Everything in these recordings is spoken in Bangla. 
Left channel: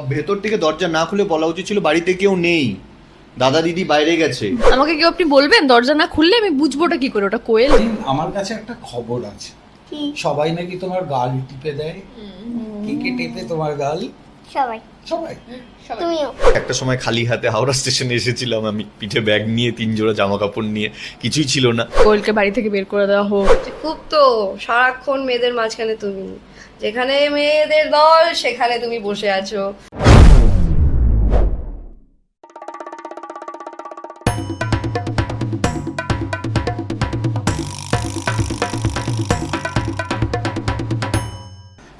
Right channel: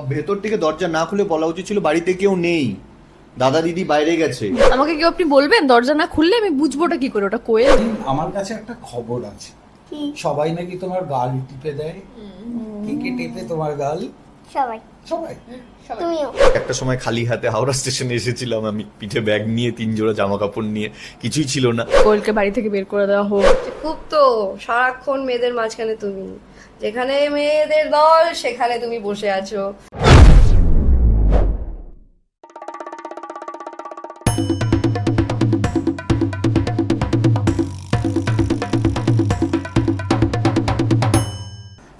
ভেতর থেকে দরজা না খুলে বলা উচিত ছিল বাড়িতে কেউ নেই। দাদা দিদি বাইরে গেছে। আমাকে কেউ আপনি বলবেন? দরজা না খুললে আমি বুঝবোটা কি করে ওটা কোয়েল? আমার কাছে একটা খবর আছে। সবাই নাকি তোমার গাল টিপে দেয়? কে কে টেপে তোমার গাল? সবাই। সবাই। একটা সময় খালি হাতে হাওড়া স্টেশনে এসেছিলাম আমি পিঠে ব্যাগ নিয়ে তিন জোড়া জামা কাপড় নিয়ে কিছুই ছিল না। কোয়েলকে বাড়ি থেকে বের করে দেওয়া হোক। খুব তো সারাক্ষণ মেয়েদের মাঝখানে তুমি। যেখানে মেয়েদের দল, সেখানে তুমি বসে আছো।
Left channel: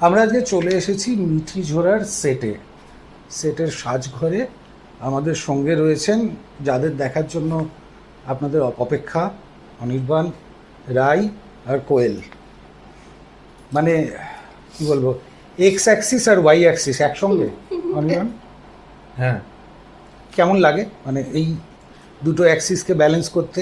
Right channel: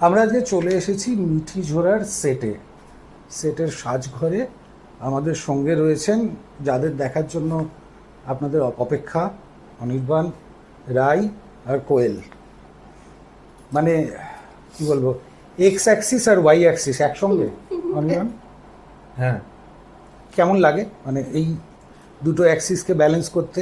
আমরা আজকে চলে এসেছি মিঠি ঝোড়ার সেটে সেটের সাজঘরে আমাদের সঙ্গে রয়েছেন যাদের দেখার জন্য আপনাদের অপেক্ষা অনির্বাণ, রাই আর কোয়েল। মানে কি বলব? এক্স অ্যাক্সিস আর ওয়াই অ্যাক্সিস একসঙ্গে? অনিয়ন হ্যাঁ। কেমন লাগে? মানে এই দুটো অ্যাক্সিসকে ব্যালেন্স করতে?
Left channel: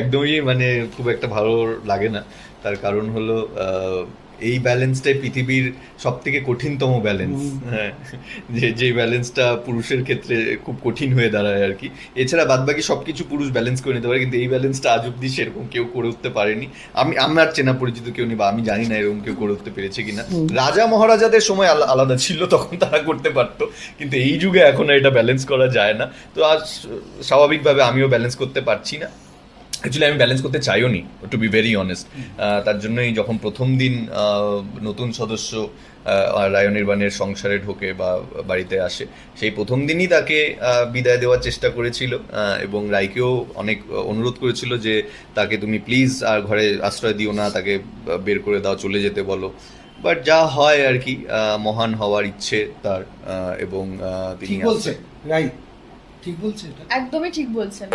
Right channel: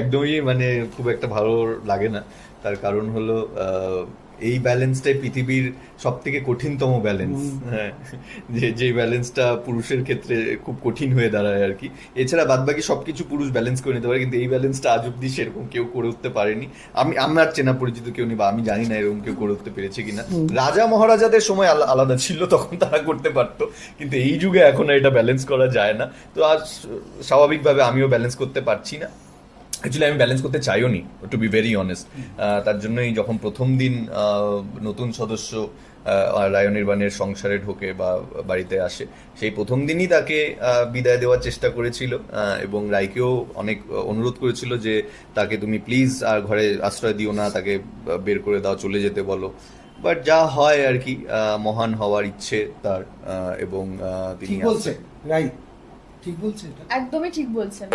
একদমই মানে খুব একটা ভালো লাগে না। তার কারণ হলো এই ব্যালেন্সটাই পৃথিবীর সব থেকে কঠিনতম ব্যালেন্স হ্যাঁ। যে যে ব্যালেন্সটা পুরুষের ক্ষেত্রে খুব কঠিন হয়ে দাঁড়ায় আর কি। এছাড়া বাদ বাকি সবকিছু পুরুষ ব্যালেন্স করে নিতে পারে কিন্তু এই ব্যালেন্সটা আজ অব্দি সেরকম কেউ করে উঠতে পারেনি। আমি আমার চেনা পরিচিত কেউ নেই বা আমি জানি না এরকম কেউ করে উঠতে পেরেছে কিনা। রাজা মহারাজাদের সময় আলাদা ছিল তখন তারা করতে পারতো। কিন্তু এই যুগে এখন আর এটা ব্যালেন্স করা যায় না। তো আজ স্বাভাবিকভাবে আমিও ব্যালেন্স করতে পারছি না। অ্যাকচুয়ালি আমি ব্যালেন্স করতে চাইও নি টু বি ভেরি অনেস্ট তার জন্যই যখন প্রথম দিন আহ, নতুন সদস্য আহ, রায় নির্বাণের সংসারে ঢোকে বা বাড়িতে আসে সেই প্রথম দিনই তাকে আহ, বিদায় দেওয়ার চেষ্টা করেছিল এবং রায়কেও অনেক অনুরোধ করেছিল যে তাকে তুমি প্লিজ আর ঘরে আশ্রয় দিও না তাকে বের করে দাও চলে যেতে বলো। বাট যা হয় আর কি মহান হওয়ার ইচ্ছে তার আহ, এবং তিনি ঠিক বলছে রাইট। ঠিক বলছে একদমই ঠিক বলছেন।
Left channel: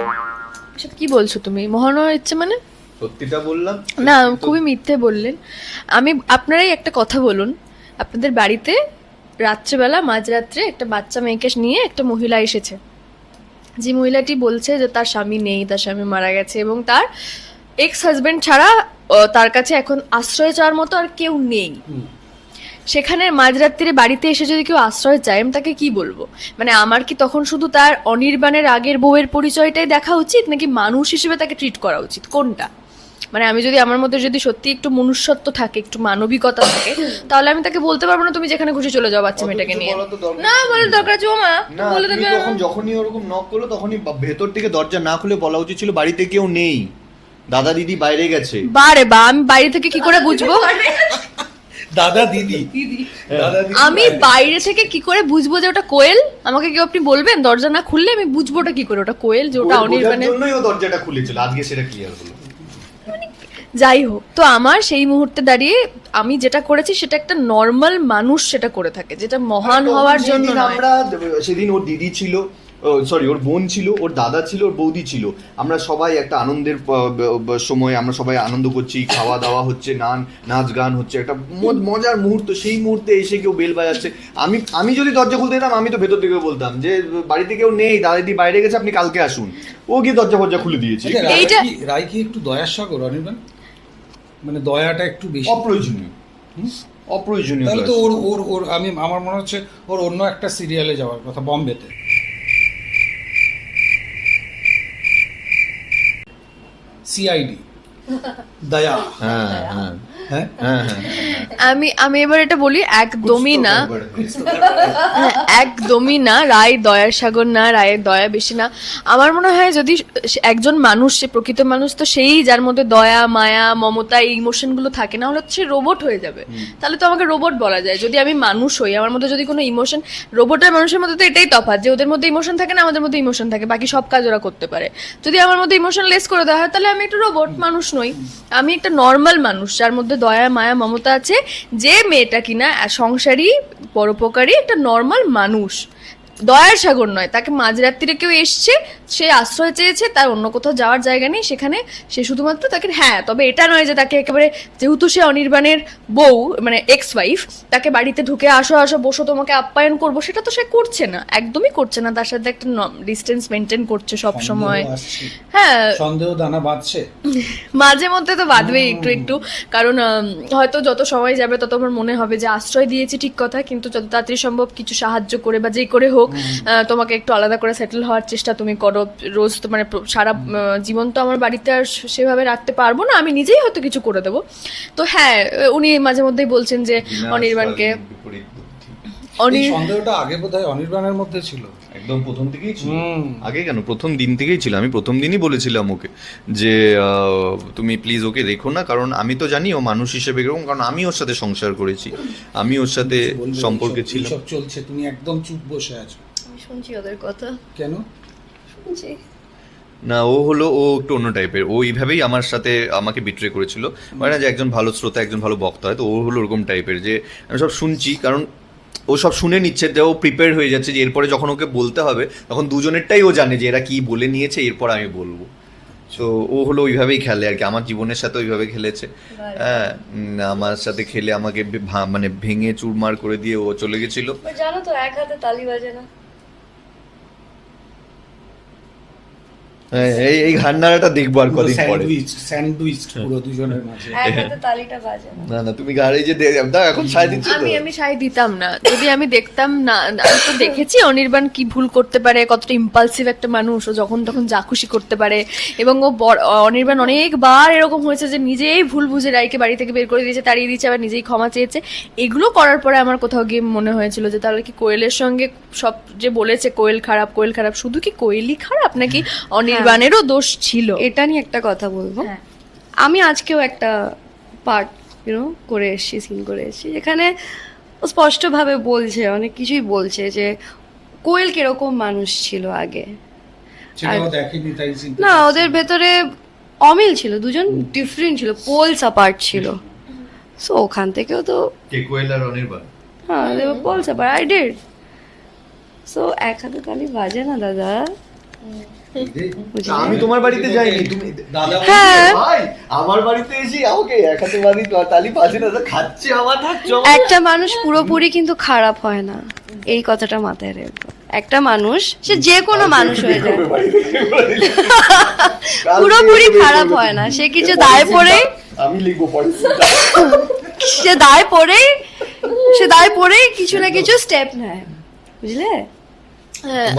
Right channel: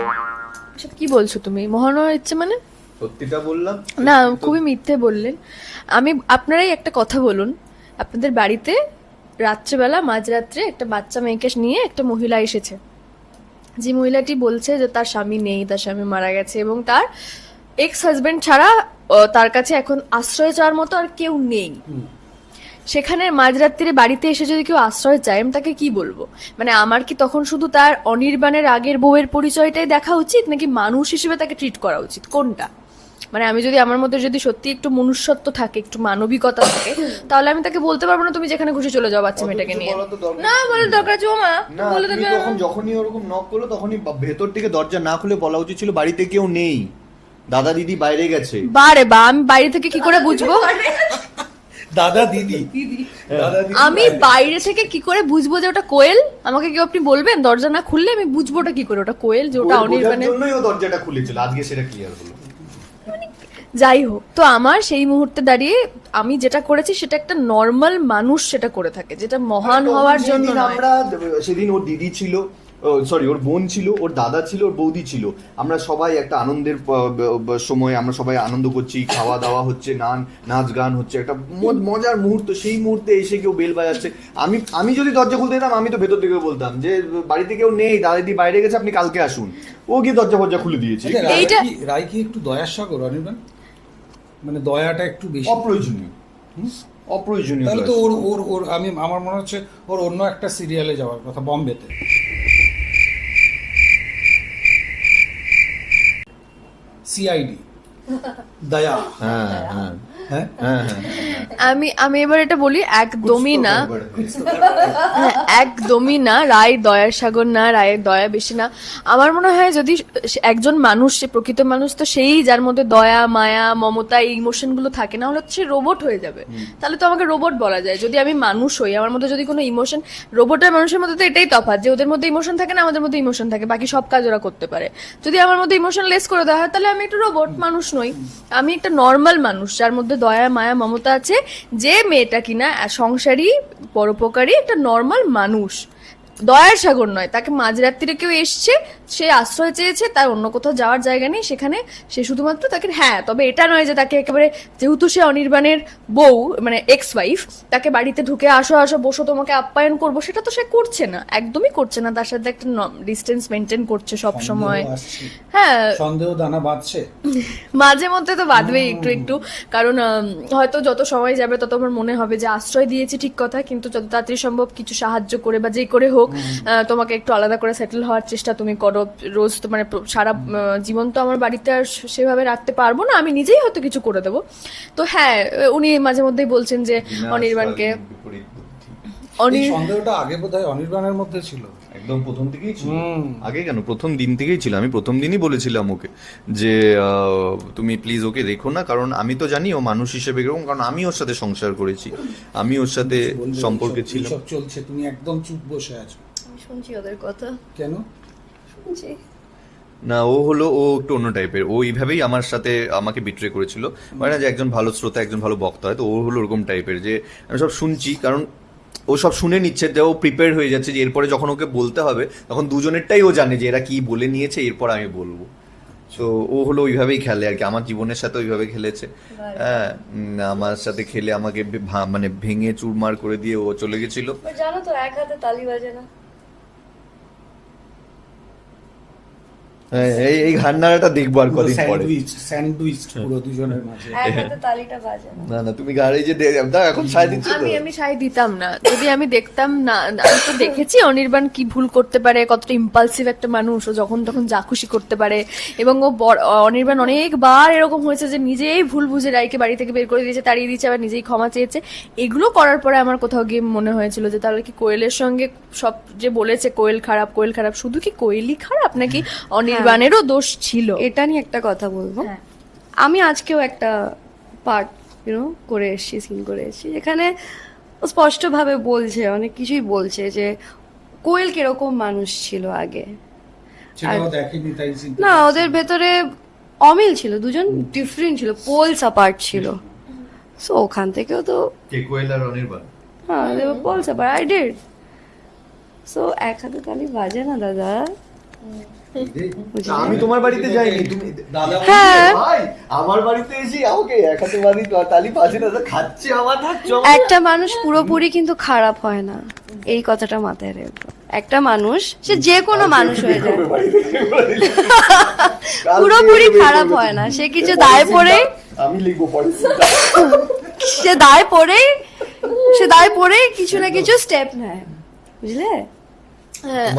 কি বলছো তুমি? মহান ইচ্ছে মানে? সত্যিটা বললাম। না খুবই মিথ্যে বললেন। আমি আপনারাই একটা কথা বলুন। আপনাদের বাড়িতে রাত্রিবেলা মাঝরাত্রে একটা বাচ্চা মেয়েকে নিয়ে একটা মহিলা এসেছে। যে মহিলাটি বলছে যে তার স্বামী নেই তার স্বামী মারা গেছে এবং তার এক্স হাজবেন্ড ছাড়া তার কাছে এখন আশ্রয় চাওয়ার মতো আর কেউ নেই। সেখানে মাঝরাত্রিরে বাড়িতে এসে যদি কেউ আশ্রয় চায় আমি তাকে কি বলব? মানে আমার কি তখন শুধু তার অনির্বাণের আগের বউয়ের পরিচয়টাই দেখা উচিত নাকি মানুষ হিসেবে তাকে ট্রিট করা উচিত? কোনটা? মানে আমি যদি আমার মধ্যে যদি সত্যি একটু মনুষ্যত্ব থাকে একটু মানবিকতা থাকে তাহলে আমি তাকে বলতে পারব না তুমি যেখানে খুশি চলে যাও বাচ্চা মেয়েটাকে নিয়ে। না বলে দরকার আছে মা বলে দেবে। তখন যখনই ওরকম নক করল তখনই ভেতর থেকে দরজা না খুলে বলা উচিত ছিল বাড়িতে কেউ নেই। দাদা দিদি বাইরে গেছে। বারে বা আমি বাইরে থেকে কি করে বুঝব? দাদা দিদি। আমি বাইরে থেকে কি করে বুঝব যে ওটা কোয়েল? আমাকে কেউ আপনি বলবেন? দরজা না খুললে আমি বুঝব ওটা কি করে? ওটা কোয়েল যে ওটা অনির্বাণের জন্যই ও দরজাটা খুলেছিল। আজকে সেটা ক্লিয়ার হলো। যাই হোক তো আমার সেই মুহূর্তে দাঁড়িয়ে আমি যেটা করেছি সেটা একটা নর্মাল মানুষ সেটা করে থাকে যেটা মহান হওয়ার জন্য আমরা সেদিন ওর দিদি ছিল। সরি ওর বোন ছিল ওর দাদা ছিল ওর বৌদি ছিল। আমরা সবাই একটা আনন্দের সময় আমরা সবাই আনন্দ করছি খাওয়া দাওয়া হচ্ছে নান নাচ গান হচ্ছে একটা মজার মুহূর্ত সেই মুহূর্তে এসে কেউ বেল বাজাচ্ছে। আমি আমি যদি দরজা খুলতে যেতাম আমি তো ভেতর থেকে বলতাম যে বাড়িতে কেউ নেই দাদা বাইরে গেছে আপনি কালকে আসুন। ও গিয়ে দরজা ফরজা খুলে দিয়েছে। আচ্ছা, রায় কি- রায় কি একটু দয়ার সাগর অনির্বাণ মানে দয়াটা একটু বেশি। অপ্রয়োজনীয়। অপ্রয়োজনীয় তাহলে তো ওর ওর ওর আমি আমার মনে হচ্ছে ওর অন্য একটা সিরিয়ালে যাওয়ার কথা বম্বেতে CID দয়া। হ্যাঁ হ্যাঁ? হ্যাঁ। আমি আমি এবার এটা বলি একদমই না একদমই না রায় দয়ার সাগর না রায়ের দয়া বেশি না। আমার মনে হয় যদি একজন মানুষ সে প্রকৃত মানুষ তো সেই যার মধ্যে দয়া মায়া মমতা এই ইমোশনগুলো থাকে না হলে সে রোবট হয়ে যাবে। তাহলে তো আমাকে রোবট বলা যায়। যদি আমি মানুষ হই আমার মধ্যে যদি কোনো ইমোশন রোবট আর মানুষের মধ্যে তো এটাই তফাৎ যে ওদের মধ্যে ইমোশন থাকে না আমাদের মধ্যে ইমোশন থাকে বাকি সব কাজ ওরা করতে পারে। যদি আমার মধ্যে ইমোশন লেস করে দেওয়া হয় তাহলে আমি একটা রোবট মানুষ নই। আমি একটা নর্মাল মানুষ, যার মধ্যে দয়া, মায়া, মমতা আছে, যে মেয়েটা কিনা সংসারী, পরোপকারী, একটা নর্মাল মানুষ। দয়ার সাগর নয়, তাকে মাঝরাত্রিরে কেউ এসছে সে আশ্রয় চেয়েছে তার অন্য কোথাও যাওয়ার জায়গা নেই সেখানে সে শুধুমাত্র তাকে হ্যাঁ তবে এটা নয় যে তাকে একেবারে যেহেতু সে অনির্বাণের বউ মানে এক্স ওয়াইফ তাকে বাড়িতে ঢুকে আসো আসো বসো তোমাকে আপ্যায়ন করব সেটা তো সে করছে না একদমই করছে না তার সাথে একটা ডিস্টেন্স মেনটেন করছে সব সময়। হ্যাঁ। সন্দেহ দানা বাঁধছে। মাঝে মধ্যে তো বাঁধবেই একটু একটু কারণ হয়তো যত সময় যাবে তত আমার মনে হবে যে আশ্রয় দিয়েছি ঠিক কথা কিন্তু যত তাড়াতাড়ি সম্ভব কিছু সাহায্য করে বা যে করে হোক তোমাকে একটু আলাদা করে সেটেল হওয়ার চেষ্টা তুমি করো। রোজ তো মানে সারা জীবন তো আমার বাড়িতে আর সেভাবে রাখতে পারব না আমি নিজেই হয়তো কিছু করে দেবো। তো হ্যাঁ উনি মাঝে মধ্যেই বলছেন যে অনির্বাণকে সন্দেহটা আগে বোধহয় অনির্বাণের মধ্যে ছিল। একদম প্রথম থেকেই ছিল। আগে কেন? প্রথম দিন থেকেই ছিল। আমি প্রথম দিনই বলেছিলাম ওকে যে আহ, তুমি প্লিজ ওকে রেখো না কারণ আমি তো জানি ও মানুষ হিসেবে এরকম কারণ আমি ওর সাথে সংসার করেছি। আমি ওর সাথে সম্পর্কে ছিলাম। চলছে তুমি একদম চুপ বসে আছো। শুনছি ওদের কথা। কেন? না ও হলো ও একটু অন্য টাইপের ও এইভাবেই আমার সাথে আমাকে বিট্রে করেছিল। মানে যে একজন ভালো শ্রোতা একজন ভালো বক্তা হয় তো ও হলো ওরকম টাইপের যে আমি সব শুনছি কারণ ও সব শুনে নিচ্ছে যে ও প্রিপেয়ার হয়ে যাচ্ছে যে এরপরে যখন ওকে বলতে হবে তখন দুজনেরটাই ও জানে যে এরা কি বলে নিয়েছে এরপর আমি বলব। তো ও হলো ওইভাবেই খেলে আর কি। আমার জীবনের সাথে ওইভাবে খেলেছে। হ্যাঁ আমার সাথে খেলে আমাকে মানে ভেঙে চুরমার করে দিয়ে ও চলে গেছিল। জানো তো এক হাতে তালি বাজে না এই এই ঘান্নাটা দেখব আর কদিন পরে স্যান্ডউইচ পুরো দুজনের মাঝে। তালিটা বাজে। না না না তুমি গাড়ি যে দে- দাও এখন সাই দিচ্ছ আমি আমি সাই দিতাম না। যদি আমি দেখতাম না আমি তো দেখেছি অনির্বাণ কি ভুল করতে পারে কতটা ইম্পালসিভ একটা মানুষ ও যখন তখন যা খুশি করতে পারে। এবং ও বড়- অনির্বাণ অনেকবার এরকম হয়েছে যে নিজেই ভুল বুঝে রাইকে বাড়ি থেকে বের করে দিয়েছে তাড়িয়ে দিয়েছে আবার নিজেই ক্ষমা চেয়েছে। এগুলো করার পরে আমার কোথাও গিয়ে মনে হয়েছিল যে তাহলে কি কোয়েলের সঙ্গে সব যে বলেছে কোয়েল খারাপ কোয়েল খারাপ শুধু কি কোয়েলই খারাপ নাকি অনির্বাণেরও দোষ ছিল? এটা নিয়ে একটা কথা বলব। হ্যাঁ। আমি আজকেও একটা পার্ট ইউনো করে এসেছি সিন করে এসেছি যেখানে স্পষ্টভাবে বলছে অনেক কিছুই বলছে যে কোয়েল কীরকম মানুষ ছিল আগে। না ওদের ভেতরে অমিল ছিল দুজন ডিফারেন্ট ছিল পোলস অ্যাপার্ট ছিল। সো ওখান থেকেও তো কে কোয়েল আর অনির্বাণ? হ্যাঁ poles apart I did so এক হাতে তালি বাজে না দাদা? আমি তোমার বাড়িতে যাইনি তুমি দাদা হ্যাঁ। ভাই আমার বাড়িতে এসে আমাকে এক হাতে বাড়ি তালি পাশে না খাচ্ছে আমার একটা মানুষ পুরোপুরি কিন্তু খারাপ হয় না। এই কথাটা মাথায় রেখো। একটা মানুষ সে যে কোনো মানুষ হয়ে যায়। পুরোপুরি খারাপ হয় না। সে কিছু দায় পড়ে আমি লিখব পরে। সে দায় পড়ে সে দায় পড়ে কিছু না কিছু স্টেপ নেয়। বুঝলে?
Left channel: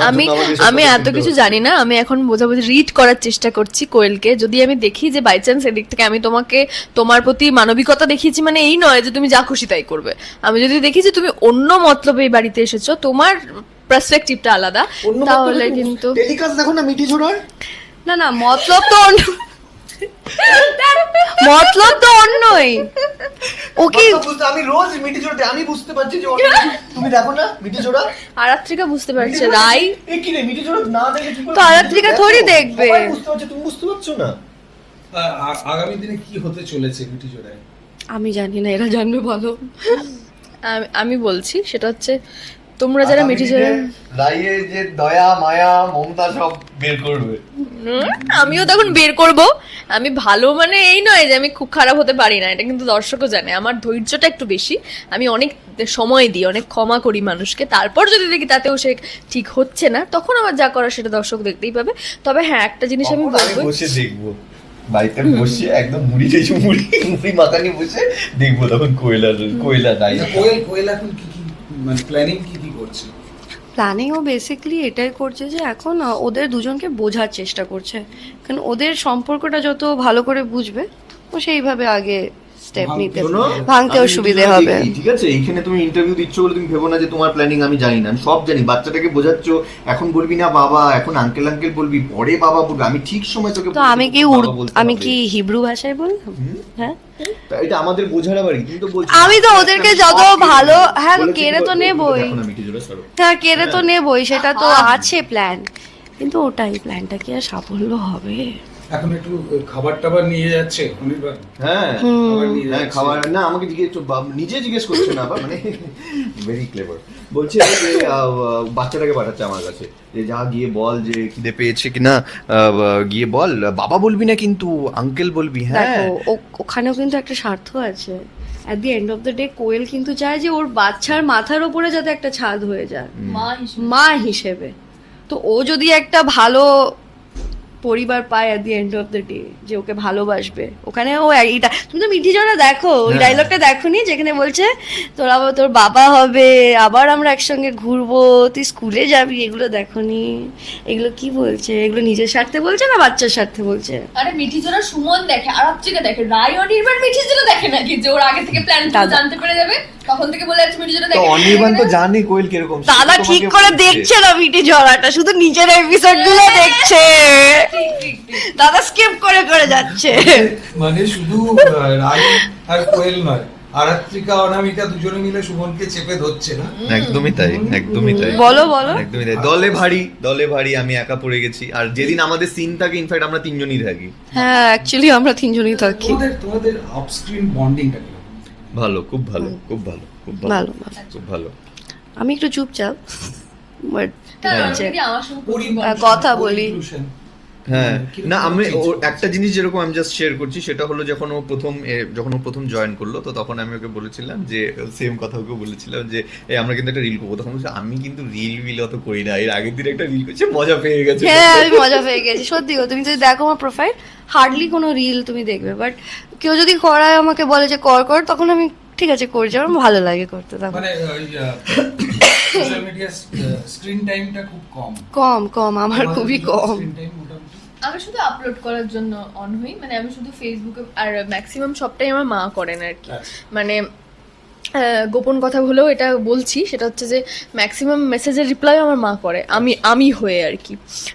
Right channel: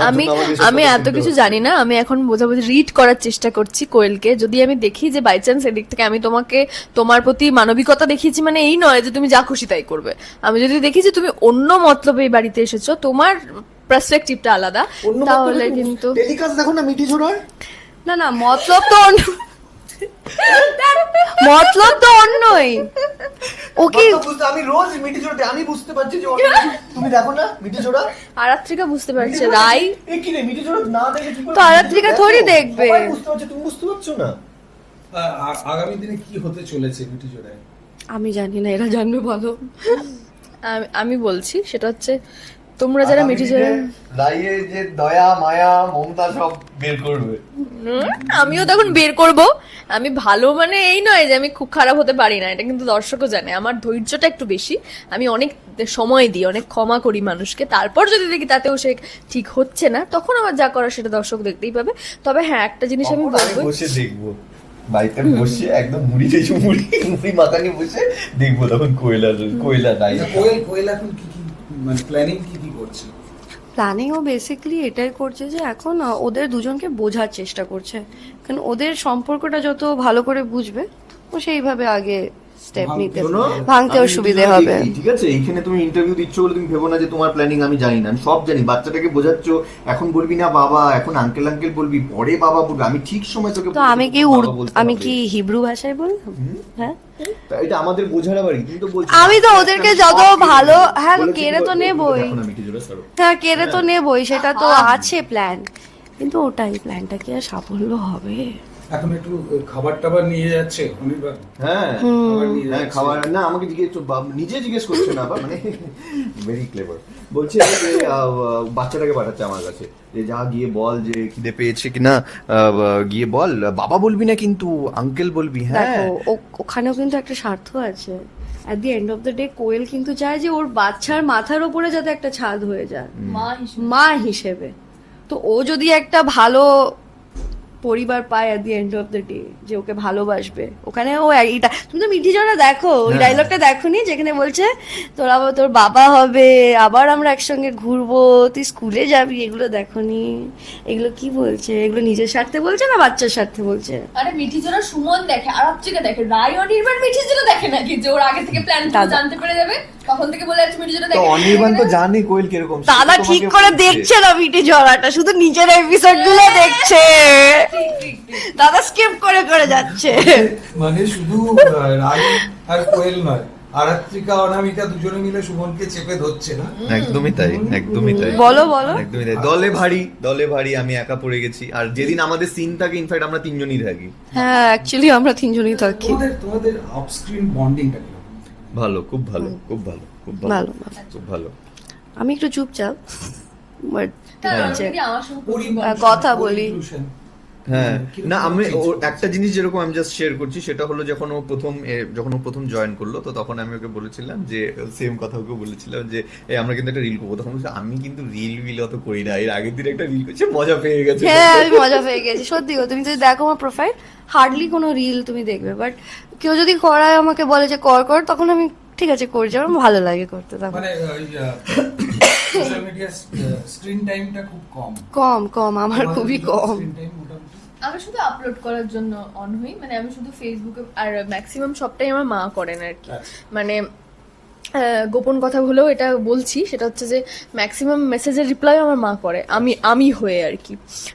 আমি আমাদের এসব আমি এত কিছু। জানি না আমি এখন বোঝাবুঝি রিড করার চেষ্টা করছি কোয়েলকে। যদি আমি দেখি যে বাই চান্স এদিক থেকে আমি তোমাকে তোমার প্রতি মানবিকতা দেখিয়েছি মানে এই নয় যে তুমি যা খুশি তাই করবে। আমি যদি দেখি যে তুমি অন্য মতলবে এই বাড়িতে এসেছ তোমার পার্সপেক্টিভটা আলাদা তাহলে কিন্তু টেলিকাস্ট দেখো না মিঠি না না মতলব তো অন্য মতলব তো অন্যই। ওকে। আমি রোজ মিটি জোড়া আমি বুঝতে পারছি যে তুমি দেখো না মিটি জোড়া আরাত্রিকা বুঝতে পারছে রাই। এ কি রে মিটি জোড়া না দেখে কি করে তো আরাত্রিকা থোড়ি দেখবে। বুঝতে পারছ তুমি বুঝতে পারছ না? আগামী দিনে কি হতে চলেছে মিটি জোড়ায় আমি জানি না এরা জানবে বলো। আমি বলছি সেটা হচ্ছে তোমরা যারা মিঠি ঝোড়া রাইয়ের যে দয়া মায়া মমতা সব বের করবে। আমিও তখন বের করব। আমি ভালো মানে এই নয় যে আমি খুব খারাপ হতে পারি না এটা কিন্তু দর্শকও জানে। আমার ধৈর্যটা একটু বেশি। আমি অনেক সময় দিই অনেক ক্ষমা করি মানুষকে। তারপর যদি দেখি তাতেও সে ঠিক হচ্ছে না তখন আমার যা করার সেটা দর্শক দেখতেই পাবে। তবে হ্যাঁ একটা জিনিস আমি বলব বসে দেখব। বাড়িতে বসে একদম মুড়ি মুড়ি মুড়ি মাথা নিয়ে বসে দেখব তখন কোয়েলা কোয়েলা নাই। কোয়েল কোয়েল এখন কি মানে প্ল্যানিং কি কি করছে? প্ল্যানিং ও বেসিক্যালি এটাই করছে যে এখন ওদের দুজনকে বোঝার চেষ্টা করছে। কারণ ওদের সম্পর্কটা যত ভালো করে বুঝবে, ও সেইভাবে আগে স্টেপ নিতে ভাঙতেও আমি সুবিধে হবে। ঠিক আছে? এইখানে তুমি ইন্টারভিউ দিচ্ছ বলে তুমি ভেবো না যে তোমার প্ল্যানিং আমি জানি না। আমি সব জানি বাচ্চাটাকে বোঝাচ্ছ এখন বলবি না বাবা এখন আঙ্কেল আঙ্কেল বলবি পরে বাবা বলবি আমি ঠিক সময় তোকে তো আমি কি আমি কি হিব্রু ভাষায় বললাম হ্যাঁ? এটা আমাদের বোঝার আবার কি? তো বলছো আমি তো ওদেরকে যত ভালো হ্যাঁ কেড়ে তো? নেবই। হ্যাঁ কেড়ে তো নেবই সেটা তো আছে প্ল্যান কিন্তু ওটাই প্ল্যানটা কি আর সাফল্য হবে? এখন একটু খাবার টাবার নিয়ে যাচ্ছে? অনির্বাণ হ্যাঁ খাবার হ্যাঁ খাবার না আমাকে জিজ্ঞেস নিজে জিজ্ঞেস করছে না মানে ভেরি ক্লেভার বলছে যে বাচ্চাটাকে পাঠাচ্ছে আমার কাছে। যে যা গিয়ে বল যে খিদে পেয়েছে কিনা আহ, গিয়ে বল বাবা বলবি না কিন্তু আঙ্কেল বলবি হ্যাঁ। ও- ওখানেও কিন্তু একটা স্বার্থ আছে। At the end of the day Koel কিন্তু চায় যে ওর বাচ্চার মাথার ওপরে যাতে একটা ছাদ হয়ে যায়। মা মা হিসেবে। তো ও যদি একটা ভালো পরিবার পায় at the end of the day যে ওকে ভালোবাসবে ওখানে ও এইটা তুমি তো মিঠি জনা দেখো ওই হ্যাঁ। ডায়লগটা দেখোনি যেখানে বলছে তোর আবার তোর বাবা হবে আবার আমরা একসঙ্গে ঘুরবো তুই স্কুলে যাবি এগুলো দেখোনি এগুলো কি বলছে এগুলো নিজের স্বার্থে বলছে না বাচ্চার স্বার্থে বলছে আরে মিঠি জোড়া সুমন দেখে আরব থেকে দেখে রায় অনির্বাণ মিঠি জোড়া দেখে নাকি যে ওর আগে থেকে প্ল্যান। জানতে পেরে যাবে তখন থেকে বলে যাচ্ছে তো অনির্বাণ তো জানে কোয়েল কীরকম দাদা ঠিক করে দেখছে না ঝরাটা শুধু নিজের এপিসোডগুলো দেখছে। দাদা স্কিপ করে করে যাচ্ছে। মানে শুধু আর কোয়েল নয় আরাত্রিকা অনামিকা দুজনে মিলে সুমনকে চেপে ধরছে না? একদমই তাই একদমই তাই। বলো বলো। একদমই তাই। দলে ভারী দলে ভারী আমি একা পড়ে গেছি। আর যেদিন আমাদের সিন থাকে ইনফ্যাক্ট আমরা তিনজনই থাকি। হ্যাঁ অ্যাকচুয়ালি আমরা তিনজনই থাকি। তোমাদের তোমাদের অফস্ক্রিন বন্ডিংটা ভালো খুব ভালো খুব ভালো খুব ভালো খুব ভালো। আমি একটু চুপচাপ বাট কারণ আমি যে যদি আমার সঙ্গে পরিমাণ, আহ, কথা বলি। হ্যাঁ। না আমি ওর একটা জিনিস যেরকম আমি জাস্ট শেয়ার করছি সেটা হলো যখন ও প্রথম যখন ও প্রথম জয়েন করল তো তখন আমি ওকে বলেছিলাম যে সেম কথা ওকে বলেছিলাম যে এ, আমরা কিন্তু একটা রিল করব। তখন বলছে আমি কিন্তু রিল বিল অত করি না। এর আগের দিন একটা রিল করছে মজা পেয়ে গেছে। হ্যাঁ আমি মজা পেয়ে গেছি। সত্যি গো তুমি যদি দেখো আমার প্রোফাইল হার্ডলি কোনো রিল তুমি দেখবে। বাট কেউ যদি করায় আমাকে বলে যে কর কর তখন আমি ঠিক আছে করছি। আমার ভালো লাগে করতে তখন। মানে সোশ্যাল মিডিয়া স্ক্রিন টাইমটা খুব কম। কম কম আমার খুবই কম। আমি শুধু আপলোড করার জন্য অন হই। মানে আমি শুধু ফেসবুকে আর ম্যাক্সিমাম সবটাই আমার মা করেন আর কি। আচ্ছা। মানে গোপন কথা হলেও এটা বলছি সেটা হচ্ছে যে ম্যাক্সিমাম মেসেজের রিপ্লাই আমার মা করে। আমি আমি হয়ে আর কি।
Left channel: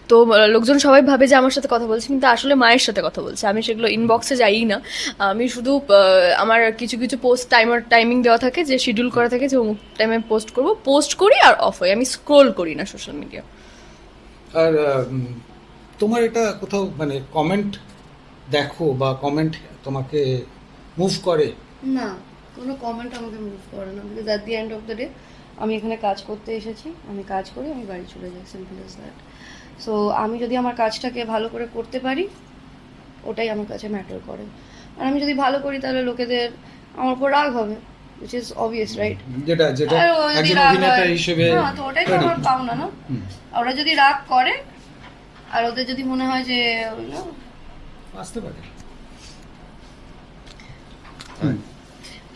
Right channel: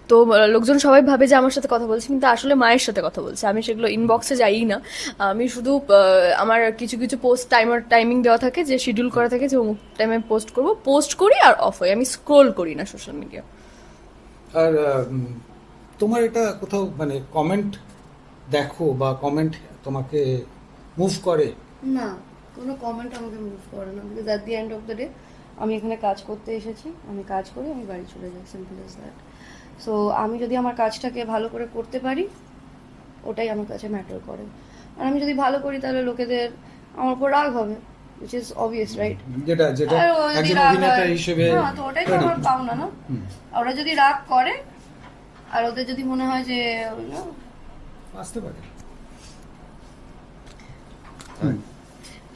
তো লোকজন সবাই ভাবে যে আমার সাথে কথা বলছে কিন্তু আসলে মায়ের সাথে কথা বলছে। আমি সেগুলো ইনবক্সে যাই না। আমি শুধু আমার কিছু কিছু পোস্ট টাইমার টাইমিং দেওয়া থাকে যে শিডিউল করা থাকে যে অমুক টাইমে পোস্ট করব। পোস্ট করি আর অফ হয় আমি স্ক্রোল করি না সোশ্যাল মিডিয়া আর তোমার এটা কোথাও মানে কমেন্ট দেখো বা কমেন্ট তোমাকে মুভ করে? না কোনো কমেন্ট আমাকে মুভ করে না because at the end of the day আমি এখানে কাজ করতে এসেছি আমি কাজ করি আমি বাড়ি চলে যাই সিম্পল ইজ দ্যাট সো আমি যদি আমার কাজটাকে ভালো করে করতে পারি ওটাই আমার কাছে ম্যাটার করে। আর আমি যদি ভালো করি তাহলে লোকেদের আমার উপর রাগ হবে উইচ ইজ অবভিয়াস রাইট যেটা যেটা একজন অভিনেতা হিসেবে হ্যাঁ, তো ওটাই তো আমার পাওনা না। ওরা যদি রাগ করে আর ওদের যদি মনে হয় যে আসতে পারে।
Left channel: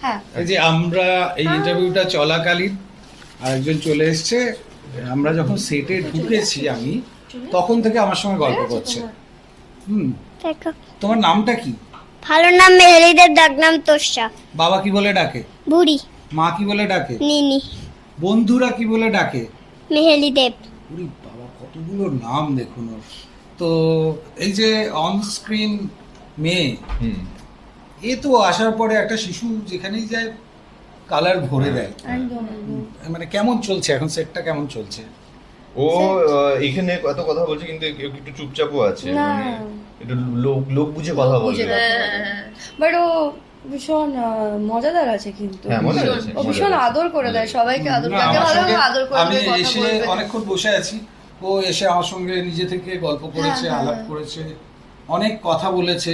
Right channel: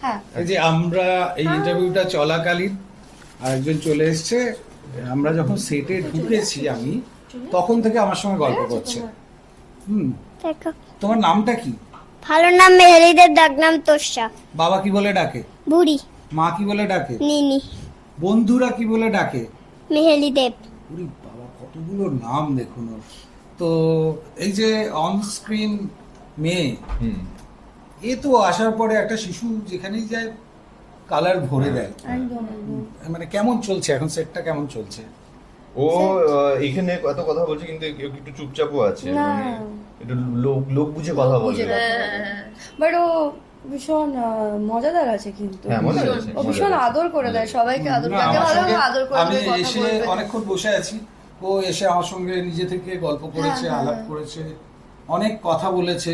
হ্যাঁ। এই যে আমরা এই ইন্টারভিউটা চলাকালীন আরেকজন চলে এসেছে আমরা যখন সেটে ঢুকেছি আমি তখন থেকে আমার সঙ্গে গল্প করছে। হুম। তোমার নামটা কি? ভালো নাম মেহেরিদের ডাক নাম তোষা। বাবা কি বলে ডাকে? বুড়ি। মা কি বলে ডাকে? নিনি। বন্ধুরা কি বলে ডাকে? মেহেলি দেব কতগুলো নাম দেখুন। তো এই যে অন স্ক্রিন মেয়ে এ তো আসার পরে একটা শিশু যেখানেই যায় কালার ভরে দেয়। মানে কেমন চলছে? এখন সেটটা কেমন চলছে? ও এখানে এত কথা বলছে কিন্তু একটু একটু চুপচাপও আছে। মানে একটু লোক লোক বুঝে কথা বলছে বাট ও ভীষণ আহ, মজাদার আছে কিন্তু। হ্যাঁ, ও ভীষণ আদর করে দেয় সবাইকে আদর করে আমি এসে অনেকক্ষণ বসে আছি। ও এসে আমার সঙ্গে নিজে থেকে গল্প করেছে হ্যাঁ, আলাপ হ্যাঁ। করেছে অনেক কথা বলেছে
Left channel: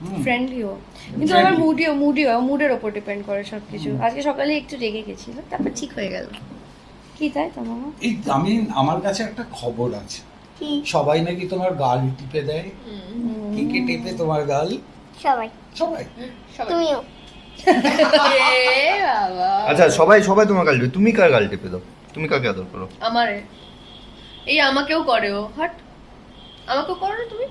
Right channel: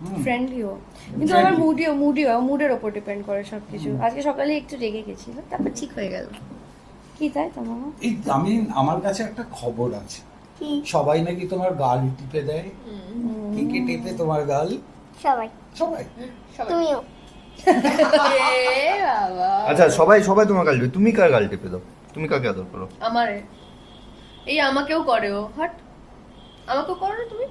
হুম। ফ্রেন্ডলিও কিন্তু আমার মুডিও মুডিও মুডের ওপর ডিপেন্ড করে সবকিছু। আজকে সকালে একটু রেগে গেছিল তারপর ঠিক হয়ে গেল। কি তাই তো মামা এই আমি আমার কাছে একটা খবর আছে। কি? সবাই নাকি তোমার গাল টিপে দেয়। কে কে টেপে তোমার গাল? সবাই। সবাই। তুমিও। এ বাবা। আচ্ছা সবাই সবাই তোমার গাল টিপে- তুমি কার গাল টিপে দাও? তুমি কাকে আদর করো? আমারে? এই আমাকেও করে ও হাট। আমাকেও করো না তুমি?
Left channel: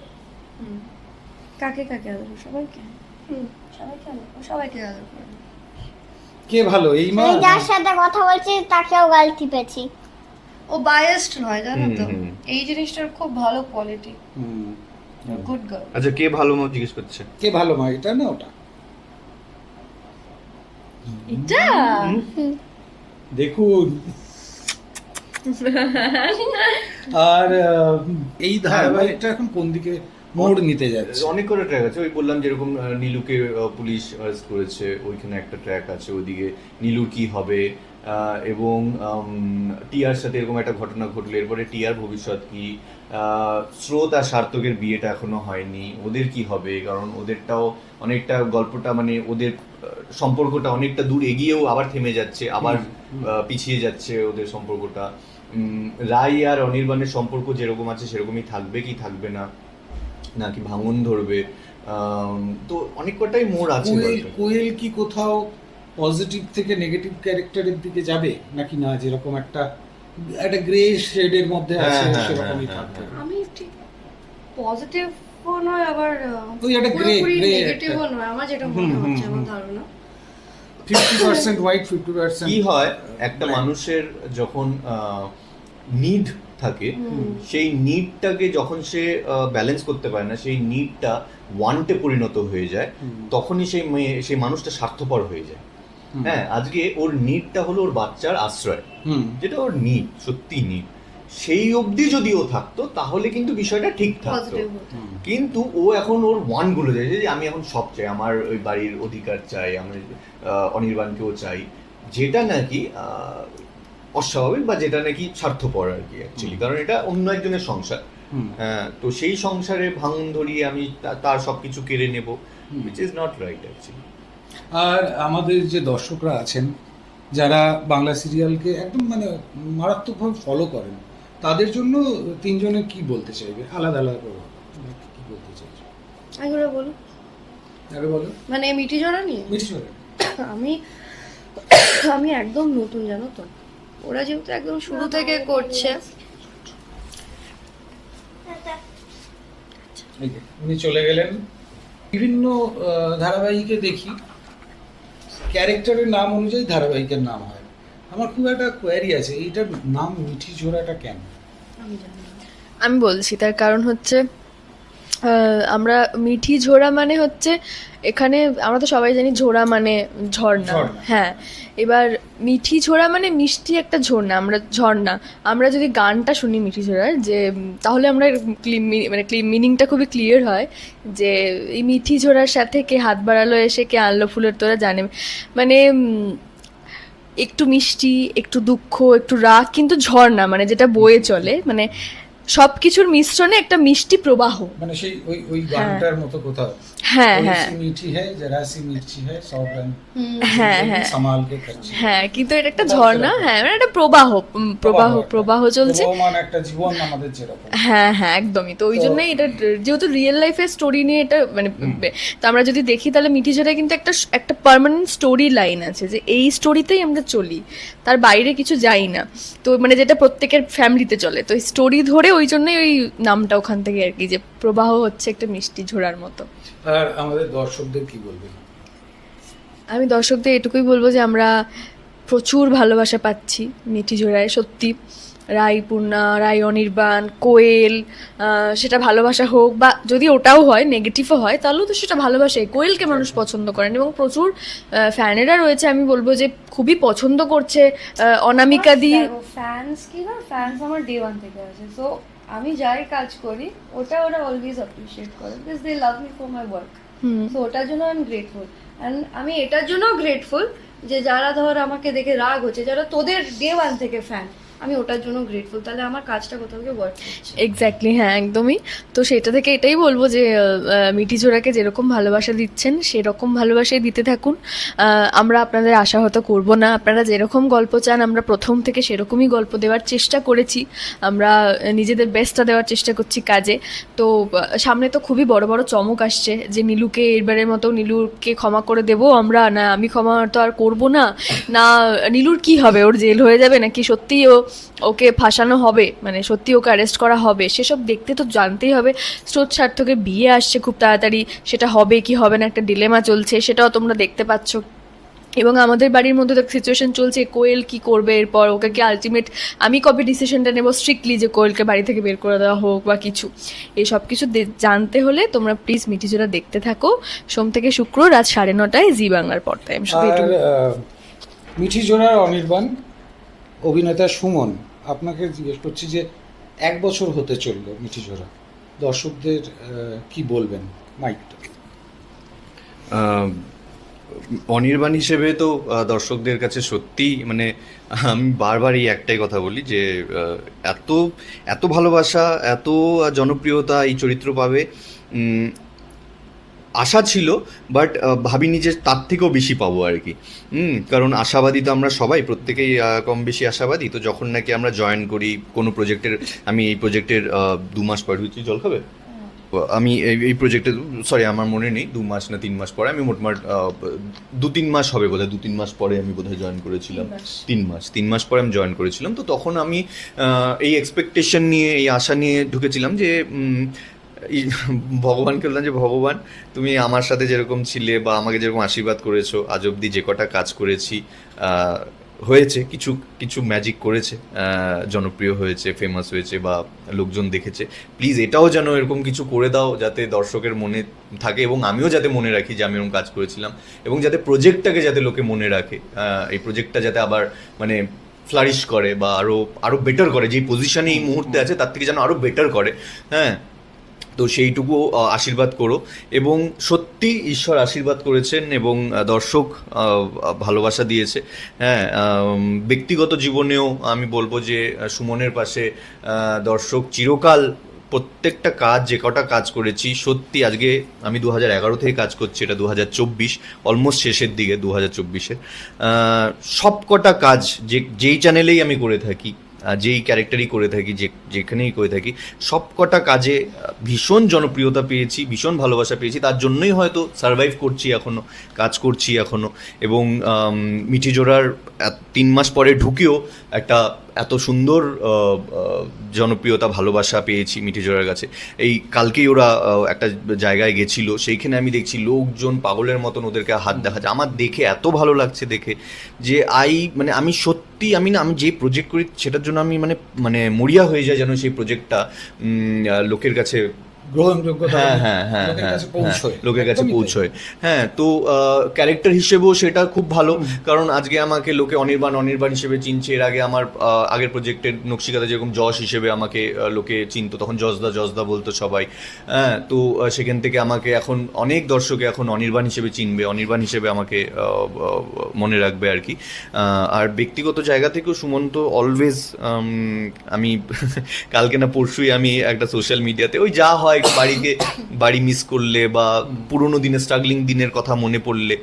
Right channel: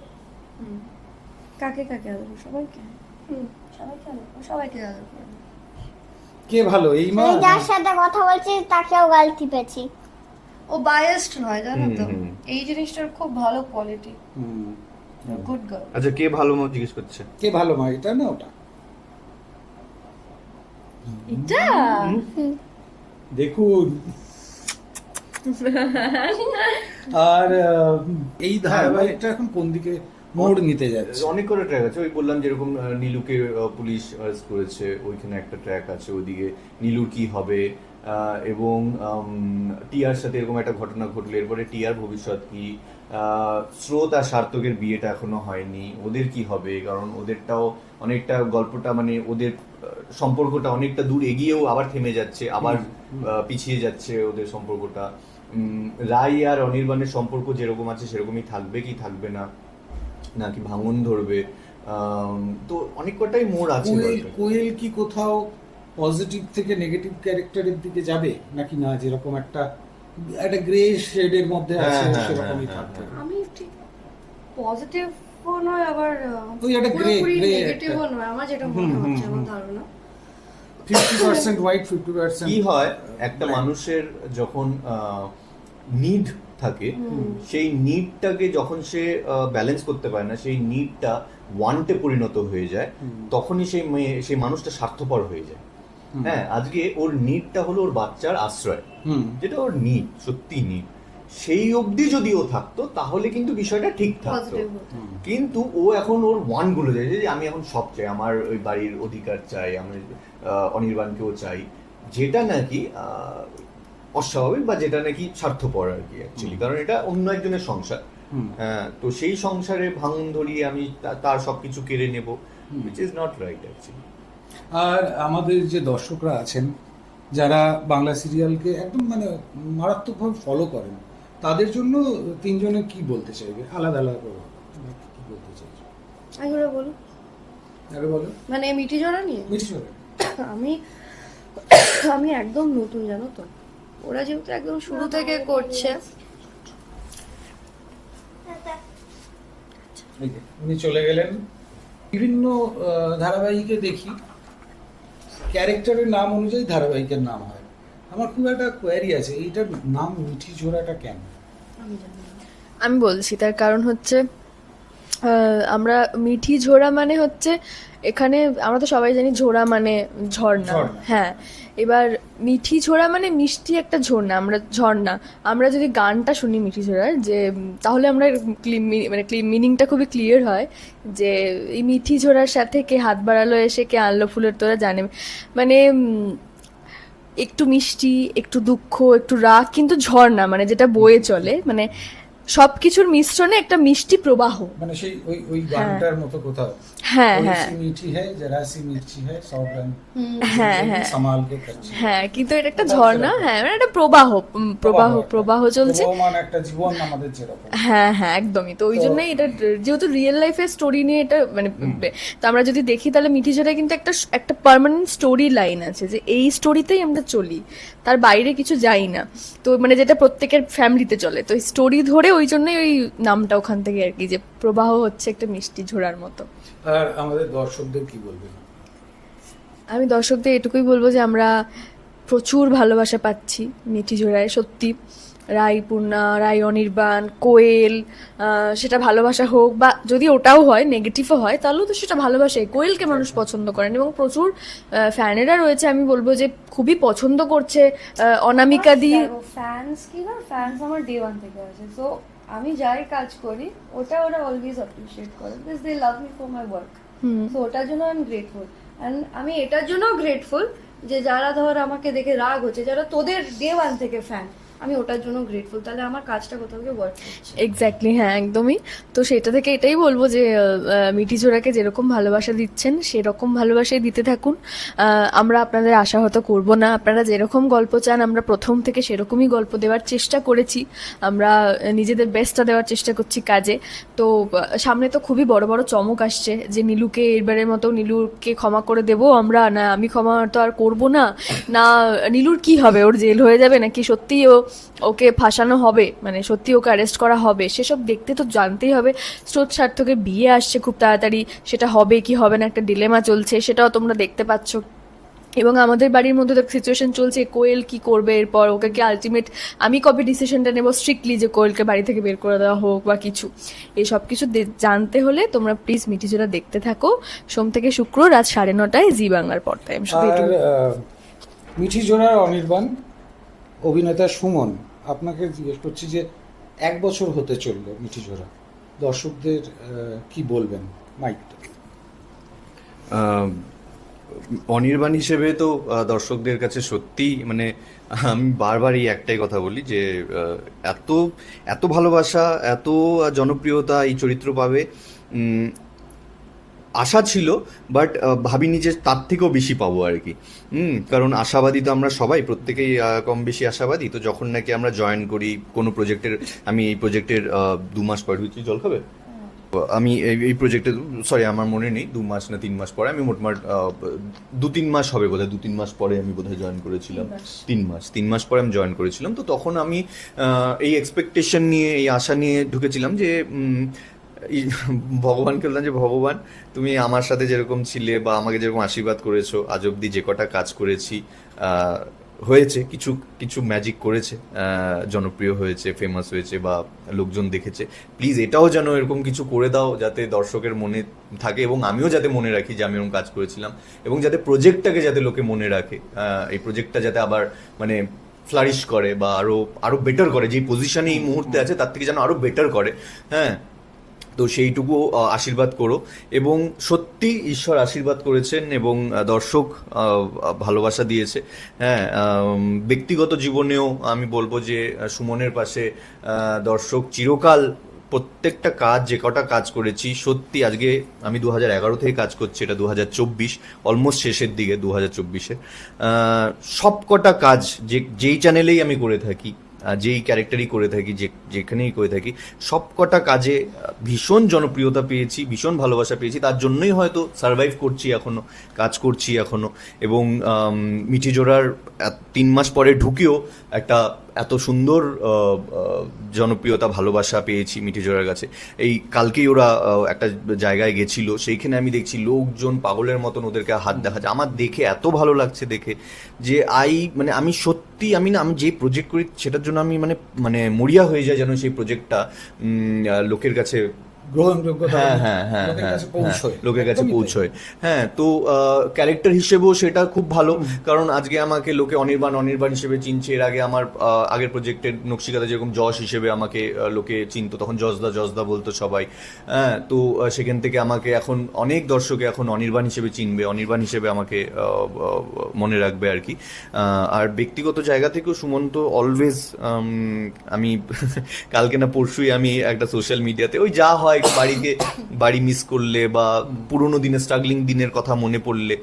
কাকে কাকে আদর? সবাইকে? হুম, সবাইকে আদর সবাইকে আদর কে ভালো এই মা? যার সাথে কথা বলছি তাকেও গাল টিপেছি। ও বায়াসড নয় জানো তো। এই জিনিসটার খুব ভালো কোয়ালিটি হুম। গুড গার্ল আচ্ছা কে ভালো মতো জিজ্ঞেস করছে? কে ভালো মা? এটা না ওটা। এটা? দেখুন। আর এই ধারাবাহিকটা এখন কোন দিকে মোড় নিতে যাচ্ছে? অনেক কটা ট্র্যাক আছে। ওই বললাম যেরকম নীলুকে পুলিশ অ্যারেস্ট করেছে ওইখানে একটা ট্র্যাক আছে। ওইদিকে নীলুর কি হবে এবং টিয়ার সাথে এরকম একটা ঘটনা ঘটলো এরপরে টিয়ার ভবিষ্যৎ কি? স্রোত আর সার্থকের বিয়েটা এখনও হয়নি। ওদের কি হবে? কারণ ওদেরটাও অনেকটা গল্পটা মানে ওদের সম্পর্কটা অনেকটা দূর এগিয়েও আবার থেমে যাচ্ছে আবার পিছিয়ে যাচ্ছে ওদের সম্পর্কটা। রাই আর অনির্বাণের সম্পর্ক যেরকম আছে সেরকমই থাকবে কি থাকবে না নাকি ভাঙন ধরবে তো অনেক কটাই মোড় আছে কোয়েল কোয়েল কি কোথাও পজিটিভ থেকে নেগেটিভ ক্যারেক্টারের দিকে যাবে নাকি না? যেরকম একটা একটা গ্রে শেডের মধ্যে হ্যাঁ, আছে হ্যাঁ, সেরকমই হ্যাঁ, থাকবে। আমি ঠিক পজিটিভও নয় আবার ওই একটা grey- নেগেটিভও নয় আমার যেটা মনে হচ্ছে আমার ধারণা। Fifty percent white fifty percent কি হয় একটা মানুষের যখন নিড থাকে সেই নিডটাকে যখন সে ব্যালেন্স করতে পারে না সেই নিডটা ওয়ান্টে পরিণত হয়ে যায় তখনই সেই মেয়ে- সেই মানুষটা স্বার্থপর হয়ে যায়। হ্যাঁ আজকে ওর নিডটা হলো ওর বাচ্চার আশ্রয় হুম। যেটা ওর নিড সত্যি নিড সেই অবধি যদি ও থাকতো তাহলে কিন্তু বিষয়টা ঠিক থাকতো। কিন্তু ও এখন ওর ওয়ানগুলো চাইছে যে আমি এখন সব চাই আমার ওই বাড়ির অধিকার চাই আমি অনির্বাণকেও চাই। যেটা নাকি আহ, অস্বাভাবিক বা যেটা নাকি স্বার্থপর আর কি অ্যাকচুয়ালি কারণ এটা অন্য একজনের সংসার। হ্যাঁ তো সেই সংসারে ভাঙন ধরিয়ে আমি তার সবকিছু কেড়ে নেব which is not right actually আর আমাদের যে দর্শকরা আছেন যারা বাংলা সিরিয়ালকে একদম মানে মারাত্মকভাবে ফলো করেন তাদের জন্য তিনজনে কি বলতে চাইবে? আলাদা আলাদা করে কি বলতে চাইবে এগুলো বলো আগে বলো মানে মিঠি জড়া নিয়ে? মিঠি চলে আমি আমি একদম নতুন জানো তো। ওরা যেহেতু একদম শুরু থেকে করছে। উনি চলে গেলেন। বিভিন্ন ধারাবাহিকে দেখি। ক্যারেক্টারের নাম অনুযায়ী ধারাবাহিকের নাম হয়। আমার খুব একটা কোয়ারি আছে এইটার নাম মিঠি ঝোড়াটা কেন আমি বলছি তার কারণ হচ্ছে আমরা মিঠি ঝোড়া মানে হচ্ছে এখানে আমরা তো সবাই জানি ঝোড়া মানে ঝর্ণা। হ্যাঁ এবার মিঠি ঝোড়া মানে মিষ্টি একটা ঝর্ণা আমরা ঝর্ণা। আমরা যদি গানটা শুনি মিঠি ঝোড়ার যে তাহলে আমরা মানে মিনিংটা খুবই ক্লিয়ার হয় যে এই মিঠি ঝোড়ার সাথে কে হাত বাড়ালো এসে কে আনলো ফুলের তোরা জানে। মানে একটু মিষ্টি একটু দুঃখ একটু রাগ কিন্তু ঝর্ণা মানে যেটা বয়ে চলে। মানে সবকিছুর মিশ্রণে একটা মিষ্টি প্রবাহ। মানে সেই ওই ওই গানটার মতো কোথাও। হ্যাঁ হ্যাঁ। হ্যাঁ হ্যাঁ, হ্যাঁ।, হ্যাঁ কিন্তু এটা একটা ঝর্ণা হ্যাঁ মানে প্রবাহ প্রবাহ প্রবাহ চলছে। হ্যাঁ হ্যাঁ একদমই। তো ওই জন্যই এটা যেহেতু রিয়েল লাইফের স্টোরি নিয়ে এটা মানে আমরা যদি দেখি তাহলে মিঠি ঝরা কিন্তু একটা একটা পার্মানেন্ট স্টোরি লাইন আছে যে এই স্টোরিতেই আমরা চলি। তার বাইরে কিছু যাই না। তো মানে যেটা প্রত্যেকের ফ্যামিলিতে চলে। তো স্টোরি ধরে ওই জন্যই ওই নামটা ওখান থেকে আর কি যে প্রবাহ হচ্ছে একটা মিষ্টি ঝোড়ার মতো। আর আমাদের দর্শকদের কি বলবেন আমি দর্শকদের এটুকুই বলব যে আমরা প্রচুর ভালোবাসা পাচ্ছি মিঠি জোড়ায় সত্যি। রাই পূর্ণা রাই অনির্বাণ কোয়েল সেটা ভালোবাসা হোক বা যদি ওটাও হয় নেগেটিভও হয় তাহলেও তো সেটা ভালোবাসে কোয়েলকে মানুষ পছন্দ করেন এবং প্রচুর ফ্যানেরা রয়েছে। আমি বলব যে খুবই পছন্দ করছে অনামিকা দি। ফ্যান্স কি না? ফ্যান্স আমার ডে ওয়ান থেকে আছে সো আমি যাই কাজ করি ওটা ওরা অলওয়েজ অ্যাপ্রিশিয়েট করে because they love me for my work so ওটার জন্য আই এম গ্রেটফুল অ্যান্ড আমি এটার জন্য গ্রেটফুল যে যারা ধর আমাকে দেখে রাগ হচ্ছে যারা তোদের ডে ওয়ান থেকে ফ্যান আমি ওটার জন্য গ্রেটফুল তাহলে আমার কাজটা কোথাও গিয়ে ওয়ার্ক এক্স্যাক্টলি হ্যাঁ একদমই। তো সেটা থেকে এটাই বলব যে মিঠি জোড়াকে যেরকম ভালোবাসা দিচ্ছেন, সেরকম ভালোবাসাই দিতে থাকুন। আমরা আপনাদের আশাহত করব না। আপনারা যেরকম গল্প চান, আমরা প্রথম থেকে সেরকমই গল্প দেওয়ার চেষ্টা করেছি। আমরা নিজেদের বেস্টটা দেওয়ার চেষ্টা করছি কাজে। তো সামনে তো খুবই বড় বড় চমক আসছে যে, নীলুকে এবারের মতো নীলুকে ক্ষমা করে দেবো আমরা। না, আমি ক্ষমা তো আর করব না। না, নীলুর কি হবে? ওর জেল হয়ে যাবে নাকি? সত্যিই ও ওকে ফাঁসানো হবে মানে সত্যি ওকে অ্যারেস্ট করা হবে সেসব দেখতে তো জানতেই হবে। স্রোত সার্থকের বিয়ে আসছে খুব তাড়াতাড়ি সেটা হবে কি হবে না একটা ডিলেমা চলছে সেটাও তোমরা দেখতে পাচ্ছ। এবং আমাদের বাড়ির মধ্যে তো সিচুয়েশন চলছে কোয়েল কি করবে এরপর ওকে কি আলটিমেট আমি কবে ডিসিশনটা নেব? স্ট্রিক্টলি যে কোয়েলকে বাড়ি থেকে বের করে দেওয়া হোক বা কিছু। এই সব কিছু জানতে হলে তোমরা প্লিজ মিটিজোরা দেখতে থাকো। সোম থেকে শুক্র রাত সাড়ে নটায় জি বাংলার পর্দায়। আমি শুধু মিঠি জোড়ার অনির্বাণ অভিনেতা সুমন, আপনাকে জিজ্ঞেস করছি যে এক বছর হতে চলল মিঠি জোড়া। দর্শকদের কি বলবেন মাইকটা? অনির্বাণ হিসেবে তো দর্শকদের কাছে সত্যি মানে আমি বারবার এই একটাই কথা বলি যে এত এত ভালোবাসা, এত জনপ্রিয়তা এই চরিত্র পাবে। আশা ছিল বাট ভাবিনি যে তার থেকেও বেশি পাবো আর কি। হুম কারণ আশাবাদী তো আমরা সবাই প্রত্যেকেই কম বেশি আশাবাদী। তো যখন নাকি আমরা জয়েন করি কোনো প্রজেক্টের আমি এই প্রজেক্টের দু মাস পর হচ্ছে জল খাবে? আমি এই- এই প্রজেক্টে সরি আমার মনে নেই দু মাস না তিন মাস পরে আমি মোটমাট দু তিন মাস হবে বোধহয় দু তিন মাস পরে আমি বোধহয় জয়েন করেছিলাম। তিন মাস। তিন মাস পরে আমি জয়েন করেছিলাম। তো তখন আমি এই এক্সপেকটেশন নিয়ে এই আশা নিয়ে ঢুকেছিলাম যে ভগবানকে বললাম যে ভগবান, তুমি আমার সাথে যেরকম ছিলে বা আমাকে যেরকম আশীর্বাদ করেছ, আজ অব্দি যে কটা কাজ করেছি হয়েছে, কিছু কিছু ম্যাজিক করেছে জনপ্রিয় হয়েছে ফেমাস হয়েছে বা লোকজন দেখেছে প্লিজ এটাও যেন এরকম কিছু করে দাও যাতে দর্শকের মনে থাকে এবং আমিও যাতে মনে রাখি যে আমি এরকম কাজ করেছিলাম এবং যাতে প্রজেক্টটাকে যাতে লোকে মনে রাখে এই প্রজেক্টটা যাতে আবার মানে ফ্লারিশ করে বা আরও আরও বেটার করে, যে পজিশনে এই মুহূর্তে আছে তার থেকে যেন আরও বেটার করে হ্যাঁ। তো সেইটুকু আশীর্বাদ করো। এবং সত্যি ঈশ্বর আশীর্বাদ করেছেন এবং দর্শক ভালোবাসা দিয়েছে। হ্যাঁ ব্যক্তিগত জীবনেও আমি বলব যে সুমনের পাশে দর্শক চিরকাল প্রত্যেকটা কাজ, যে কটা কাজ করেছি, সত্যি আজকে আমি দু হাজার এগারো থেকে কাজ করছি, এটা দু হাজার চব্বিশ, অলমোস্ট শেষের দিকে দু হাজার চব্বিশের। সব কটা কাজ যে, যেই চ্যানেলেই আমি করে থাকি যেই ক্যারেক্টারই করে থাকি, যে যেখানেই করে থাকি সব কটা কাজে ভীষণ জনপ্রিয়তা পেয়েছি, ভীষণ ভালোবাসা পেয়েছি। তার জন্যই হয়তো সার্ভাইভ করছি এখনও। কাজ করছি এখনও। এবং আম, মিঠি জোড়ার তিন মাস পরে ঢুকেও একটা এত সুন্দর জনপ্রিয়তা ভালোবাসা পেয়েছি মিঠি জোড়ার কাছে। এই কালকেই ওরা একটা জায়গায় গেছিল সেইখানে আমি দেখছি লোকজন পাগলের মতন ওদেরকে হাত দেখাচ্ছে। আমার দেখে এত ভালো লাগছে দেখে যে আই মানে আমি সত্যি আমি না আমি যে প্রজেক্ট করি সেটার জন্য আমি মানে মানে মরিয়া হয়ে যায় যেন সেই প্রজেক্টটা লোকের কাছে গ্রহণযোগ্যতা হ্যাঁ হ্যাঁ হ্যাঁ লোকের হ্যাঁ, কাছে পৌঁছয়। হ্যাঁ, লোকের কাছে পৌঁছয়। হ্যাঁ তো ক্যারেক্টার হিসেবেও সেটা খুব ভালো। কারণ আজকে আমাকে লোকে অনির্বাণ অনির্বাণ হিসেবে চিনছে। এর আগে আমার আগের প্রজেক্টের নকশিকাতে যেরকম যশ হিসেবে আমাকে লোকে চিনতো তখন যশদা যশদা বলতো সবাই। হ্যাঁ তো সেখান থেকে আমাকে এখন অনেক দর্শকে এখন অনির্বাণ হিসেবে চিনবে অনির্বাণ হিসেবে আমাকে মনে রাখবে আর কি। আর ব্যক্তিগত জায়গা থেকেও সুমন্ত অলওয়েজ আমি কালকে না পরশুই আমি একটা সোশ্যাল মিডিয়াতে ওই যা হয় বাড়িকে, বাড়ি মিস করলে বা পুরোনো দিনের স্ট্রাগলিং দিনের কথা মনে পড়লে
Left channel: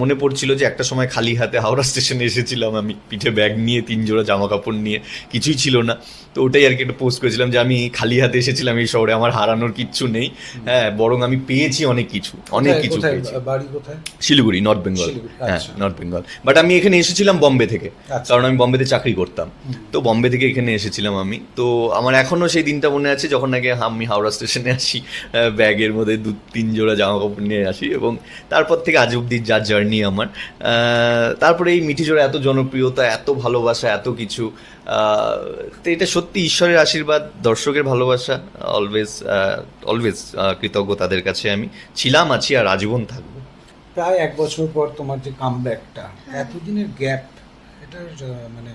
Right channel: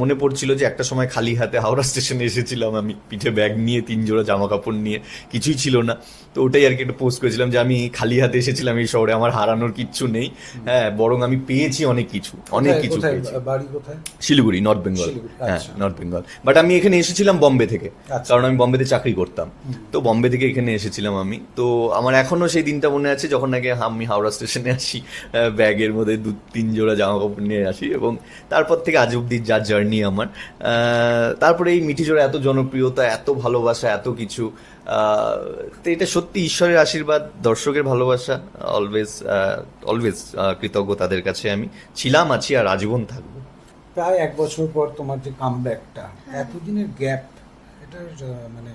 মনে পড়ছিল যে একটা সময় খালি হাতে হাওড়া স্টেশনে এসেছিলাম আমি। পিঠে ব্যাগ নিয়ে তিন জোড়া জামা কাপড় নিয়ে, কিছুই ছিল না। তো ওটাই আর কি একটা পোস্ট করেছিলাম যে আমি খালি হাতে এসেছিলাম এই শহরে আমার হারানোর কিচ্ছু নেই। হ্যাঁ বরং আমি পেয়েছি অনেক কিছু অনেক কিছু পেয়েছি। শিলিগুড়ি নর্থ বেঙ্গল হ্যাঁ। নর্থ বেঙ্গল বাট আমি এখানে এসেছিলাম বম্বে থেকে আচ্ছা। কারণ আমি বম্বেতে চাকরি করতাম। তো বম্বে থেকে এখানে এসেছিলাম আমি। তো আমার এখনও সেই দিনটা মনে আছে যখন আগে আমি হাওড়া স্টেশনে আসি ব্যাগের মধ্যে দু তিন জোড়া জামা কাপড় নিয়ে আসি এবং তারপর থেকে আজ অব্দি যা জার্নি আমার। আহ, তারপরে এই মিঠি জোড়া এত জনপ্রিয়তা এত ভালোবাসা এত কিছু তো এটা সত্যি ঈশ্বরের আশীর্বাদ দর্শকের ভালোবাসা অলওয়েজ অলওয়েজ কৃতজ্ঞ তাদের কাছে আমি। ছিলাম আছি আর আজীবন থাকব। প্রায় এক বছর পর তোমার যে কামব্যাকটা এতদিনের গ্যাপ এটার মানে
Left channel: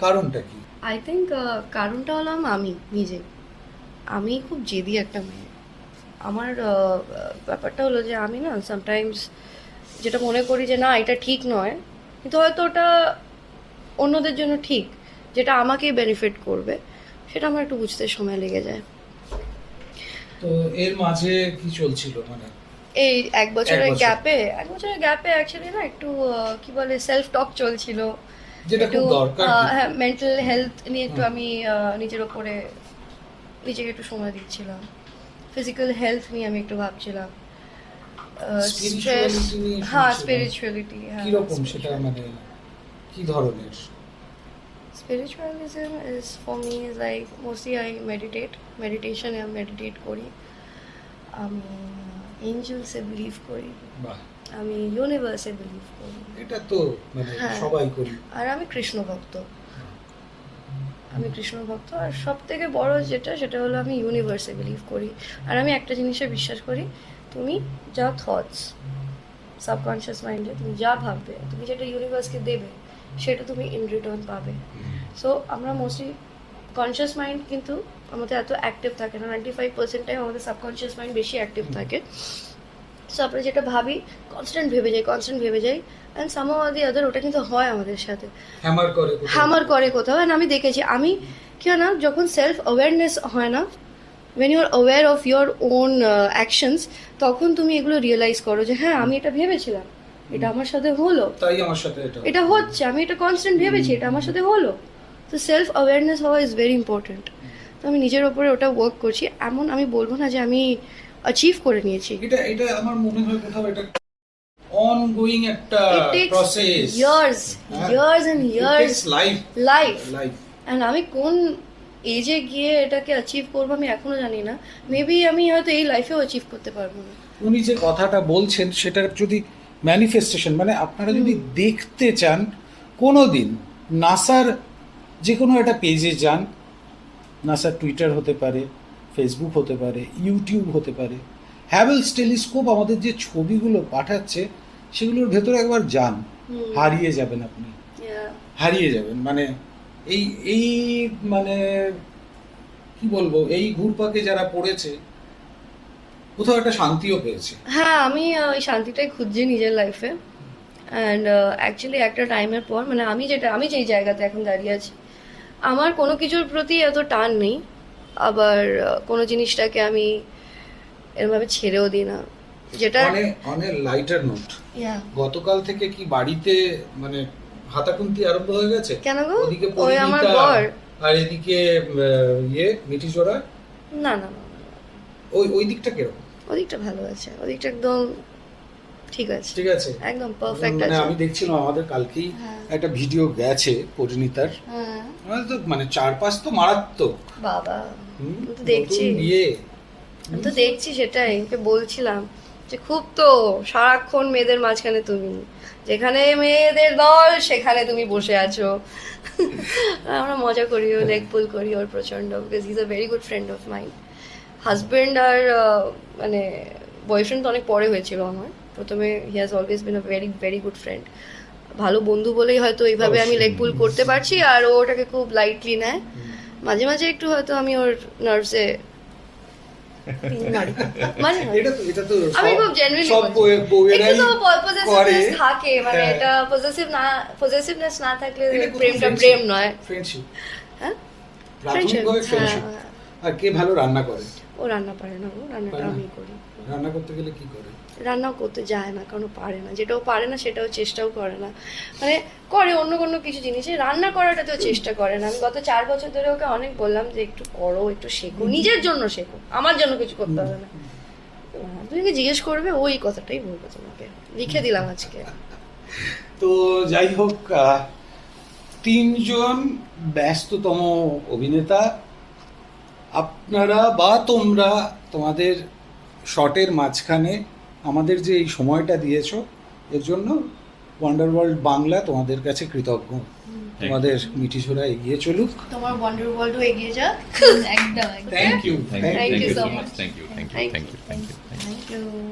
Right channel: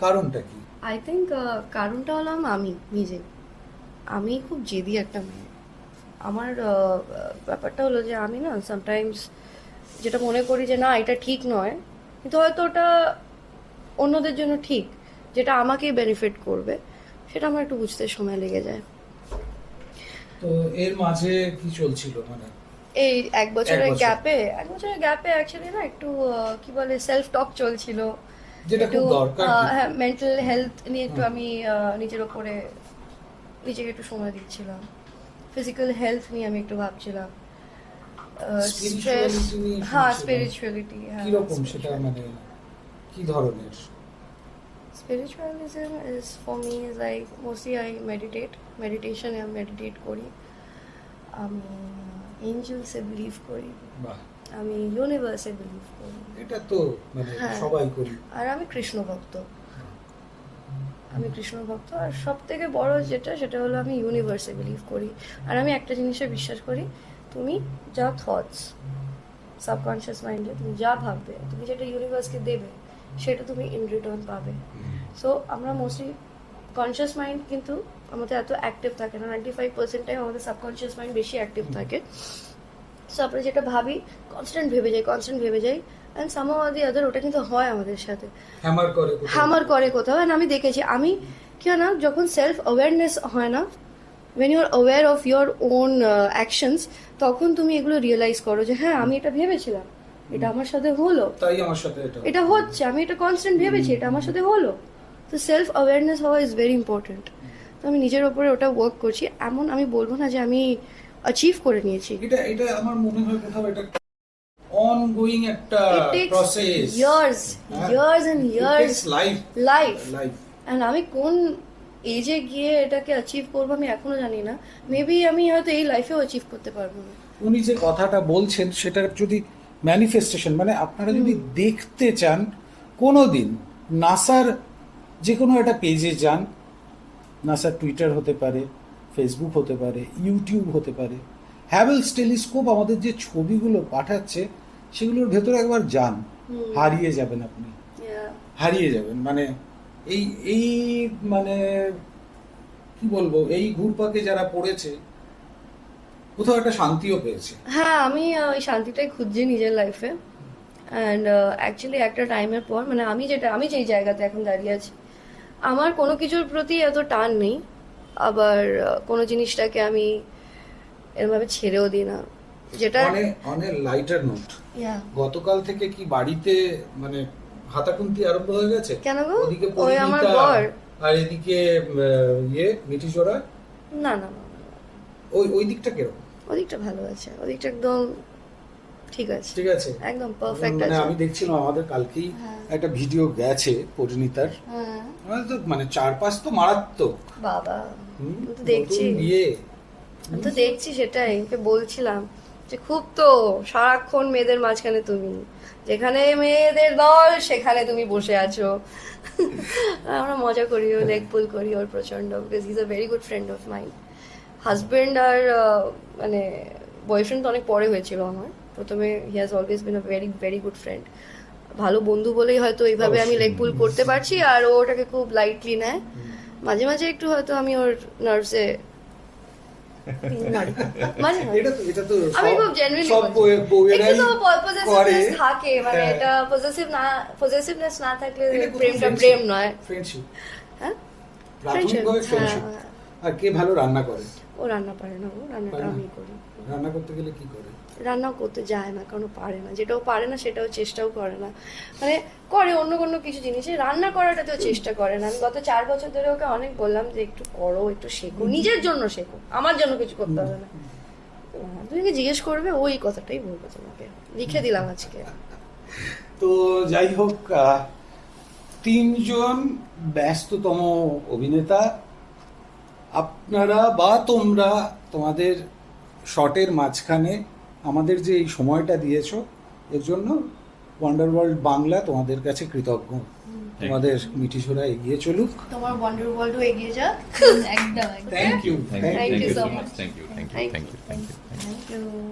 কারণটা কি? আই থিঙ্ক কারণটা হলাম আমি নিজে। আমি খুব জেদি একটা মেয়ে। আমার ব্যাপারটা হলো যে আমি না সামটাইমস যেটা মনে করি যে না এটা ঠিক নয়। কিন্তু হয়তো ওটা অন্যদের জন্য ঠিক। যেটা আমাকে বেনিফিট করবে সেটা আমার একটু বুঝতে সময় লেগে যায়। তো এর মাঝে কি চলছিল মানে? এই এক বছরের গ্যাপে এক বছরের গ্যাপে অ্যাকচুয়ালি না একটু কি বলে সেলফ টক চলছিল। যেটা একটু খুব দরকার। হ্যাঁ মেন্টাল হেলথ নিয়ে একটু আমি নিজের ওপরে নিজেকে একটু সময় দিচ্ছিলাম। ফিজিক্যাল হেলথ নিয়ে আমি একটু ভাবছিলাম। নিয়ে হ্যাঁ। স্পিরিচুয়ালিটি হ্যাঁ। কীরকম সেটা মানে কি ধরনের? Spiritualism is for me is like mostly I meditate. Meditation আমি meditate করি আমি এঞ্জেলসে বিলিভ করি আমি ইউনিভার্সে বিলিভ করি এটা তো হ্যাঁ। সবাই করি। আর আমি কৃষ্ণ ভক্ত। আমি কৃষ্ণ ভক্ত। আর সব থেকে বড় যেটা সেটা হলো আমি ইউনিভার্সে বিলিভ করি। আর আমি একটা জিনিসে বিশ্বাস করি তুমি যা থটস সাবকনশিয়াস মাইন্ডে তুমি যা ভাববে তুমি যেটা ইউনিভার্সকে দেবে সেটা তুমি ইন রিটার্ন পাবে। সো আমরা মোস্টলি কনসিয়াস মাইন্ড কিন্তু আমাদের এত অ্যাক্টিভ থাকে না। নাইনটি ফাইভ পার্সেন্ট টাইম আমাদের সাবকনসিয়াস মাইন্ড বেশি অ্যাক্টিভ থাকে। সো আমরা যেটা ভাবি কনস্ট্যান্ট ভেবে যাই কনস্ট্যান্ট ভেবে যাই। অ্যান্ড সামহাও আদি আদার ওটা কিন্তু হয় আমাদের সাথে। হ্যামার করে কোথাও। and আমি দেখেছি আমি কি হয় না যখন সেলফ অ্যাওয়ারনেস হয় না when you are aware of your own actions তখন তুমি এগুলো রিয়েলাইজ করো যে হ্যাঁ আমি এটা ভেবেছিলাম। এটা আমার সাথে হলো। তাই আমার সাথে এটা এটা হচ্ছে আমি এটা কনস্ট্যান্ট ভেবেছি এটা আমার সাথে হলো। তো সেলফ অ্যাওয়ারনেস হওয়া ইজ ভেরি ইম্পর্টেন্ট তো আমি নিজের ওপরে ওটা ওয়ার্ক করছি। এমন আমি বলব না যে আমি অ্যাচিভ করে নিয়েছি। এটা এটা আমার মনে হয় কোথাও এটা অনগোয়িং একটা it takes process years years and years life life life and আমি কোন এজে গিয়ে এটাকে অ্যাচিভ করব আমি এখনও জানি না। মেবি আমি হয়তো এই লাইফেও অ্যাচিভ করতে পারব না। উনি যে কথাটা বলছেন সেটার যদি ম্যানিফেস্টেশন মানে আপনারা যদি দেখতে চান কোনোদিন নাসার যে কোনো একটা পেজে যান নাসার টুইটার হতে পারে ফেসবুক হতে পারে ইউটিউব হতে পারে হ্যাভেলস টেলিস্কোপ আমাদের যে ছবিগুলো পাঠাচ্ছে সেগুলোর ভেতরে একবার যান। হারিয়ে যাবেন আপনি। হারিয়ে যাবেন। মানে এই এই মানে কি বলব এই ঘুরপাকে যারা পড়েছে কোথাও একটা শান্তিও পেয়েছে। হ্যাঁ আমি ওই শান্তিটাই খুঁজছি নিজের লাইফে অ্যান্ড অ্যাকচুয়ালি একটা টাইমের পর মানে আমি যেটা আমি যেই জায়গাতে এখন দাঁড়িয়ে আছি আমার কোনো কিছুর প্রতি এত টান নেই। আবার কোনো জিনিসটাকে আমি এরভাবে ছেড়েও দিই না। যেটা অনেক লাইটার নোট গতকাল থেকে কি বাড়িতে মানে হাতাকুন্তি আরম্ভ হয়ে গেছে? কেন গো? ওদিকে ওই আমার বর আর এদিকে ইয়ে মিঠিজোড়া না না না। ওই ওই দিকটা কীরকম? ওদিকটা ভালো আছে ওদিকটা একদম ঠিক আছে ঠিক আছে। একদম পারফেক্ট মানে আছে। আমি দেখছিলাম আমাদের কালকেই হ্যাঁ। একটা ভিডিও গেছে পরিণীতার হ্যাঁ। মানে তো মানে চার পাঁচ তো মারাত্মক। বাবা দেখছি। বিয়ে তো দেখছি সেটাই ওকে বলছিলাম যে খুব তো সারাক্ষণ মেয়েদের মাঝখানে তুমি যেখানে মেয়েদের দল সেখানে তুমি বসে আছো। আমরা মজা করি ও লেগ পুল করি ওর প্রচণ্ড because is a very good friend of mind husband আর মানে বয়ফ্রেন্ড অনেক পরে হয়েছিল আমার। প্রথমে he has always been a very very good friend ভালো বন্ধু বলেই হয়তো এইভাবে আমি লেগ পুল করতে পারছি আর ও ওটাকে খুব লাইটলি নেয়। মাঝে মাঝে একটু হয়তো আমি ওর নার্ভসে তো তো আমি খুব জেনুইনলি তো থাকে মানে হ্যাঁ। এটা পজিটিভ না পজিটিভনেস না থাকলে প্রেমটা প্রেম নয়। ফ্রেন্ডশিপ হ্যাঁ? ফ্রেন্ডশিপ হ্যাঁ। আর কে ভালো রান্না করে? ও রান্না পারে না রান্নাটা আমি করি। রান্না করতে গেলে কি করে? রান্নাও করতে যায় না কারণ পারে না। যেটাও পারে না সেটাও চেষ্টাও করে না। মানে করে অন্য কোনো কিছু জিনিসে। রান্না করাটা তো চেষ্টা করে না। আমি গত চার বছর ধরে ওকে অনেক বললাম যে একটু করো একটু শেখো। নিজের জন্য শেখো। আমার জন্য কিছু করতে হবে না। তুমি জিজ্ঞেস করবে ওই কথাটাই বলব তোমাকে। লিখে দিলাম আজকে। তো যাই হোক তিনজন ব্যস্ততম অভিনেতা আপনারা বা তোমরা তোমাদের শটের মাঝখানে আমাদের যে এই সময়টা দিয়েছ এর জন্য ওয়ান্ডার ওয়ার্ল্ড বাংলা তোমাদের কাছে কৃতজ্ঞ। তোমাদের মিটিছোড়া এগিয়ে চলুক। তোমার ওয়ান্ডার ওয়ার্ল্ড এগিয়ে যাক। একদম thank you thank you so much thank you thank you. Thank you you